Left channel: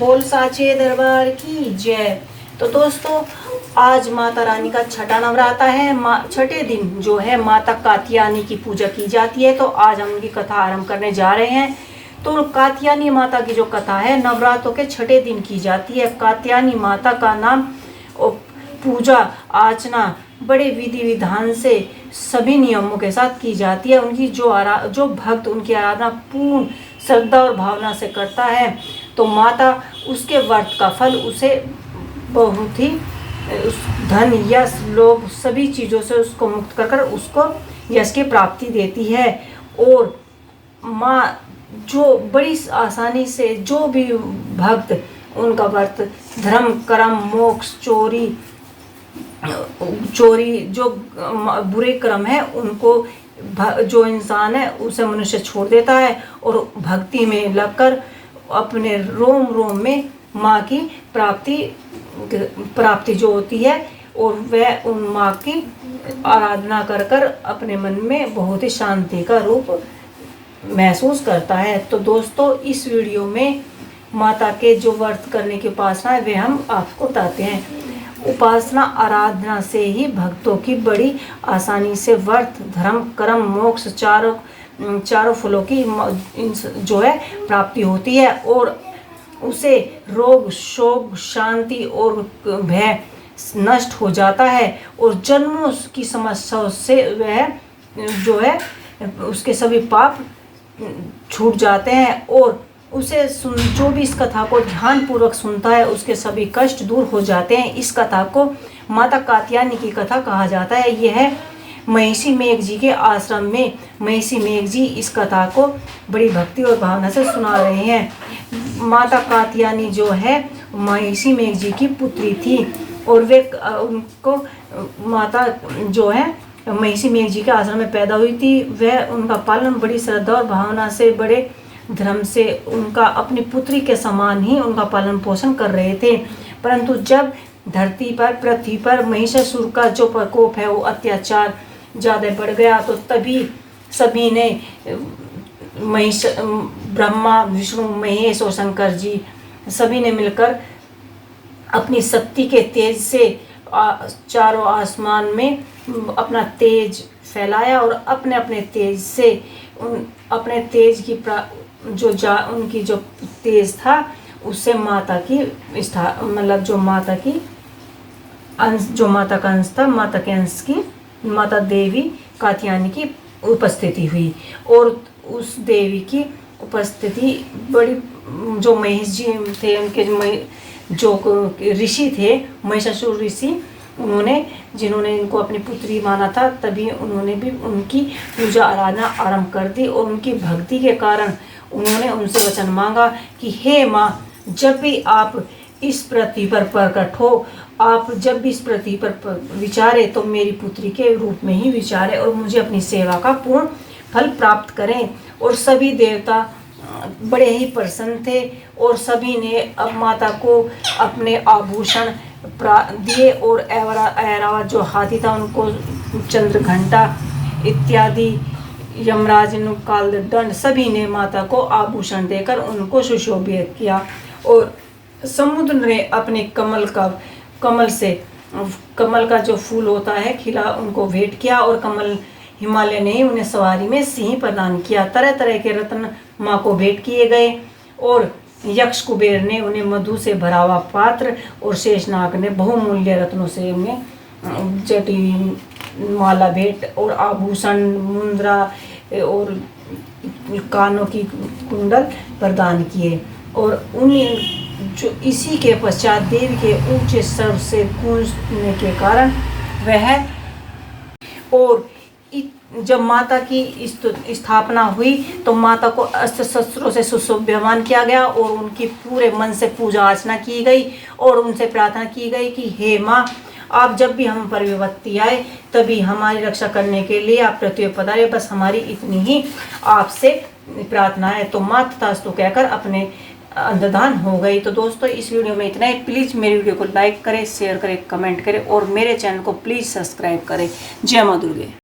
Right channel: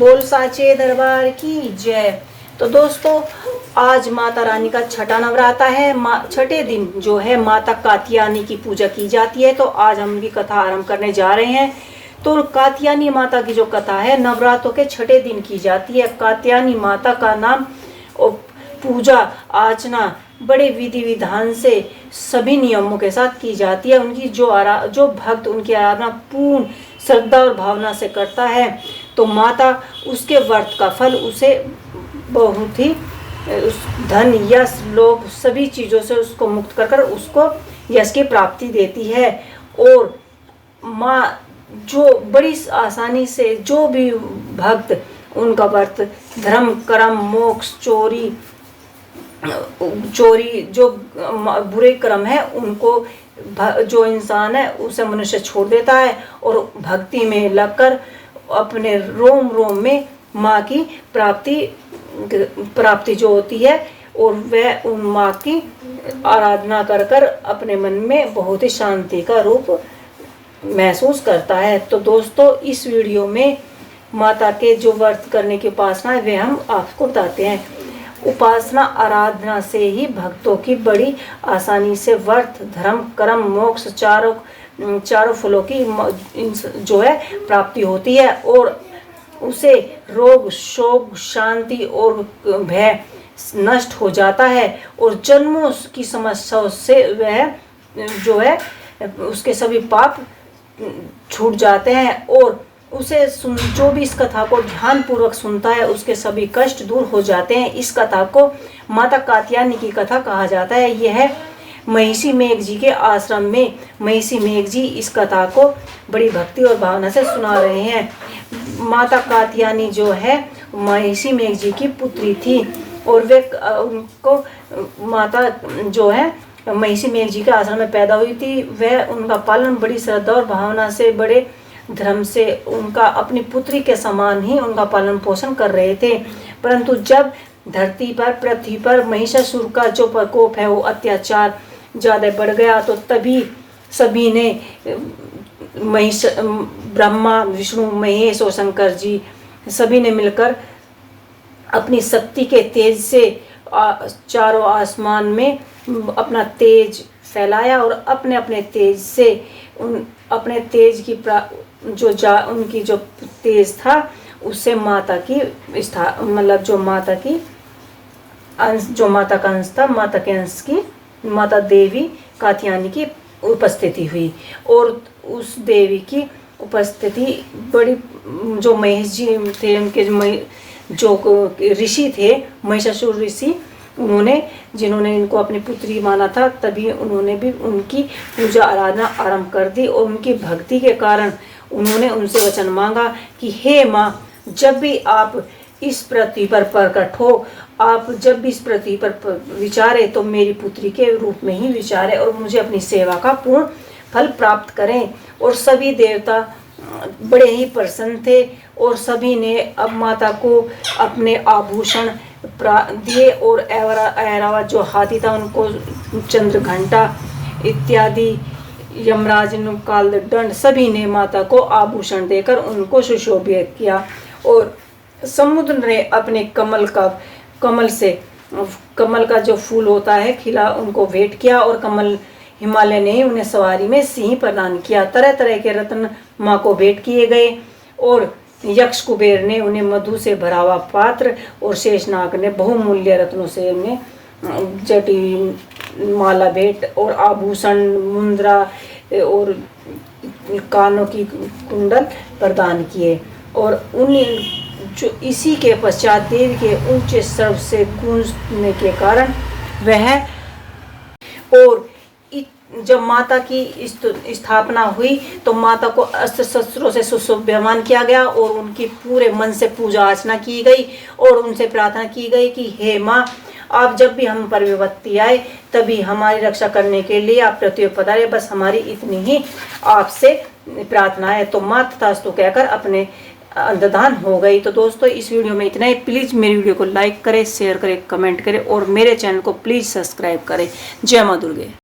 बोल साचे दरबार की जय। तो दोस्तों, आज माता रानी का छठा नवरात्र है। छठे दिन जो है माता कात्यायनी की पूजा की जाती है। तो आज हम उनकी कथा आरंभ करने जा रहे हैं। तो कात्यायनी माता की जो कथा है नवरात्रों के छठे दिन की जाती है। कात्यायनी माता का नाम पूजा अर्चना बड़े विधि विधान से सभी नियमों के साथ की जाती है। उनकी जो भक्त उनकी आराधना पूर्ण श्रद्धा और भावना से करता है तो माता उसके व्रत का फल उसे बहुत ही धन यश लोभ सभी चीजों से उसको मुक्त कर उसको यश की प्राप्ति देती है। और माँ जो बड़ी आसानी से जो भी भक्त उनका व्रत धर्म कर्म मोक्ष चोरी जो बुरे कर्म है उनको जो इंसान है उसे मनुष्य छोड़ देता है और भक्ति में लगकर अपने रोम रोम में माँ की प्राप्ति जो होती है और वह उन माँ की आराधना कर कर अपने मन में बहुत ही शांति का रूप महसूस करता है। तो दोस्तों, इस वीडियो में माता के जो व्रत करने की उपासना है वे हम आपको बताते हैं। उपासना आराधना से ही भक्तों की बड़ी आसानी से व्रत धर्म कर्म मोक्ष चारों फलों की जो है प्राप्ति होती है और उसे रोग शोक शांति और भय नष्ट हो जाता है और जन्मों की समस्याओं से वह जो है उसके सभी पाप छूट जाते हैं और उसे जो भी इस कथा को ध्यान पूर्वक सुनता है उसके सभी कष्ट दूर हो जाते हैं। इस कथा को माता कात्यायनी की कथा कहा जाता है। यह महिषी मेघ जी के आश्रम में महिषी मेघ जी इस कथा को बड़ी भक्ति और भावना से सुना रहे हैं। माता कात्यायनी जो है महिषी मेघ जी की पुत्री थी और वे उनको माता जो है महिषी मेघ जी के आश्रम में पैदा हुई थी। वह उनका पालन बड़ी श्रद्धा और भावना से बड़े धर्म से उनका अपनी पुत्री के समान ही उनका पालन पोषण कर रहे थे। परंतु जब धरती पर पृथ्वी पर महिषासुर का जो प्रकोप है वो अत्याचार ज्यादा बढ़ गया तो तभी सभी ने ब्रह्मा विष्णु महेश और शंकर जी सभी ने मिलकर अपनी शक्ति के तेज से चारों आसमान में अपना तेज फैलाया और अपने अपने तेज से अपने तेज की उनकी जो तेज था उससे माता की मतलब जो माता का अंश था माता के अंश की माता देवी कात्यायनी की उपस्थिति हुई और उस देवी की उपस्थिति बड़ी जो महेश जी थे उनके जो ऋषि थे महिषासुर ऋषि जिन्होंने इनको अपनी पुत्री माना था तभी उन्होंने भी उनकी पूजा आराधना आरंभ कर दी और उनकी भक्ति के कारण उन्होंने उनसे वचन मांगा कि हे माँ, जब भी आप इस पृथ्वी पर प्रकट हो आप जब भी इस पृथ्वी पर विचारे तो मेरी पुत्री के रूप में ही विचारे और मुझे अपनी सेवा का पूर्ण फल प्राप्त करें। और सभी देवता बड़े ही प्रसन्न थे और सभी ने अब माता को अपने आभूषण दिए और ऐरावत जो हाथी था उनको चंद्र घंटा इत्यादि यमराज काल दंड सभी ने माता को आभूषण देकर उनको सुशोभित किया। और समुद्र ने अपने कमल का जो फूल होता है खिला उनको भेंट किया और कमल हिमालय ने उन्हें सवारी में सिंह प्रदान किया। तरह तरह के रत्न माँ को भेंट किए गए और यक्ष कुबेर ने उन्हें मधु से भरा हुआ पात्र और शेषनाग ने बहुमूल्य रत्नों से उन्हें जटी माला भेंट और आभूषण मुद्रा और कानों की कुंडल प्रदान किए। और उन्हें जो इसी के पश्चात देवी के ऊंचे स्वर से गूंजने के कारण वह और जब माता की स्थापना हुई तो माता को अस्त्र शस्त्रों से सुशोभ्यमान किया गया और उनकी पूरे मन से पूजा अर्चना की गई और उनसे प्रार्थना की गई कि हे माँ, आप जब भी हम पर विपत्ति आए तभी हमारी रक्षा करने के लिए आप पृथ्वी पर पधारे, बस हमारी इतनी ही आपसे प्रार्थना है। तो माँ तथास्तु कहकर अपने अंतर्धान हो गई। तो दोस्तों, इस वीडियो में इतना ही। प्लीज मेरी वीडियो को लाइक करें शेयर करें कमेंट करें और मेरे चैनल को प्लीज सब्सक्राइब करें। जय माँ दुर्गे।